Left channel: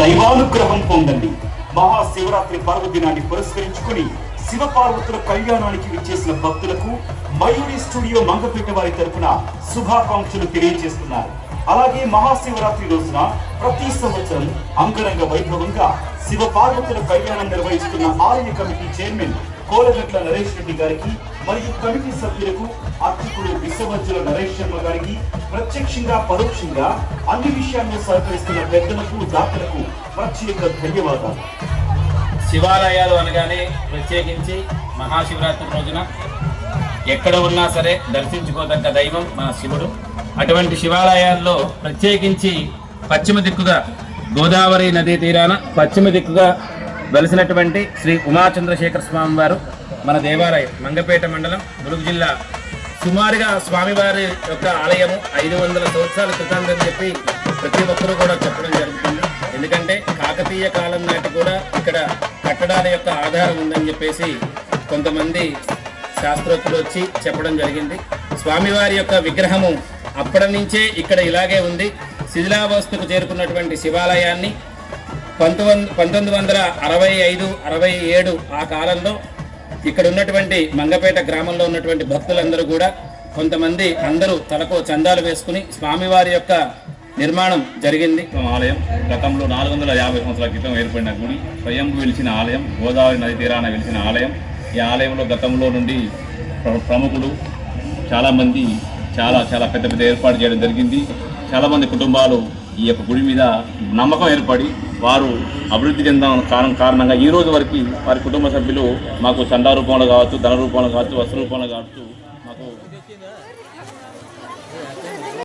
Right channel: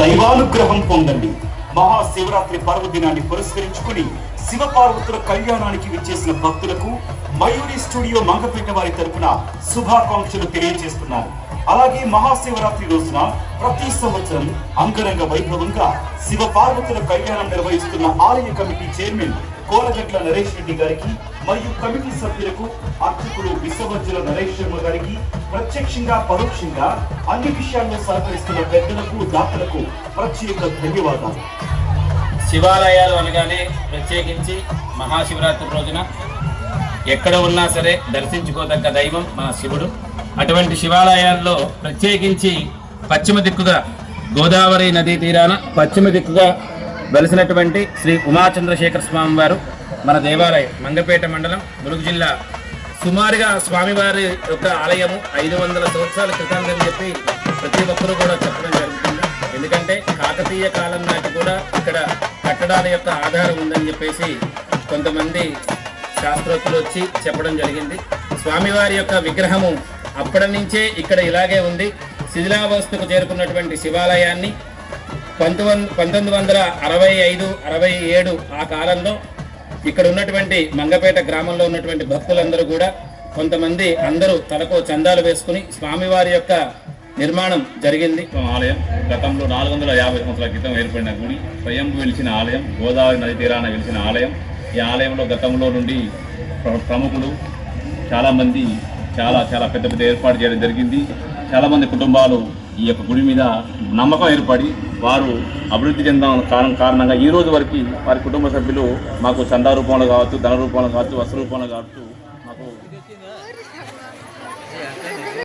దైవానుగ్రహం పొందండి. మహాశివరాత్రి పర్వదినాన్ని పురస్కరించుకుని శివపార్వతుల కళ్యాణానికి విచ్చేసిన భక్తులకు మయూరి స్టూడియో మంగపేట వారి తరఫున శుభాకాంక్షలు తెలియజేస్తున్నారు. అలాగే మహాశివరాత్రి రోజున ప్రతి సంవత్సరం అంగరంగ వైభవంగా శివపార్వతుల కళ్యాణం నిర్వహిస్తున్న ఆలయ కమిటీ చైర్మన్ కోలగట్ల నరేష్ రెడ్డి గారికి మరియు కమిటీ సభ్యులకు అర్చకులు విశ్వవజ్జుల నరేష్ శర్మ గారికి ప్రత్యక్షంగా పరోక్షంగా అన్ని విషయాలను సహకరిస్తున్న పెద్దలకు దాతలకు ప్రత్యేక ధన్యవాదాలు. శివాలయాలు అనగానే ప్రత్యేకించి మహాశివరాత్రి రోజున ఎక్కడ ఉన్నా సరే దర్శించుకోదగ్గ దైవం మన శివుడు. అటువంటి శివాలయాల్లో ప్రత్యేకించి పశ్చిమ దిక్కుగా గోదావరి నదీ తీరాన పశ్చిమ దిక్కుగా వెలిసినటువంటి శ్రీ ఉమాచంద్రశేఖర స్వామి వారు మన దేవాలయం మంగపేట మండలం ములుగు జిల్లా. సుమారుగా స్వామివారి యొక్క ఆలయము 500 సంవత్సరాల క్రితం చెప్పి ప్రతి ఒక్కరూ కూడా చెప్పడం జరుగుతుంది. ఎందుకంటే కాకతీయ కాలం నాటి కూడా ఇక్కడ కట్టడాల యొక్క ఆధారం ఉందని చెప్పేసి కొంతమంది శాస్త్రజ్ఞులు వచ్చి చెప్పడం జరిగింది. స్వామివారి యొక్క విగ్రహము అప్పటి నుంచే ఇక్కడ ఇలాగే ఉంది. శిథిలావస్థకు చేరుకున్నటువంటి శివాలయాన్ని 1965-67 ఆ కాలంలో ఇక్కడ ఉన్నటువంటి మంగపేట గ్రామంలో ఉన్నటువంటి భక్తులందరూ కూడా కొంతమంది అందరూ తలకు చందాలు వేసుకుని స్వామివారి యొక్క నిర్మాణం జరిగింది. ఆలయం గతంలో 450 సంవత్సరాల క్రితం ఏర్పడిన గుడి, స్వయంభూ వెలిసిన ఆలయం, గోదావరి నది తీరాన వెలిసిన ఆలయం. ఈ ఆలయంలో గతంలో నుండి ప్రముఖులు చాలామంది చాలా పెద్ద ఏర్పాటు చేయడం జరిగింది. చాలామంది కుటుంబాలు ఈ యొక్క గుడి మీద నమ్మకం ఏర్పడి వారు అభివృద్ధి చెందడం కారణంగా ఈ రోజు వరకు వారి కుటుంబ సభ్యులు మాకు చందా రూపంలో కావచ్చు, ధన రూపంలో కావచ్చు, వస్త్ర రూపంలో కావచ్చు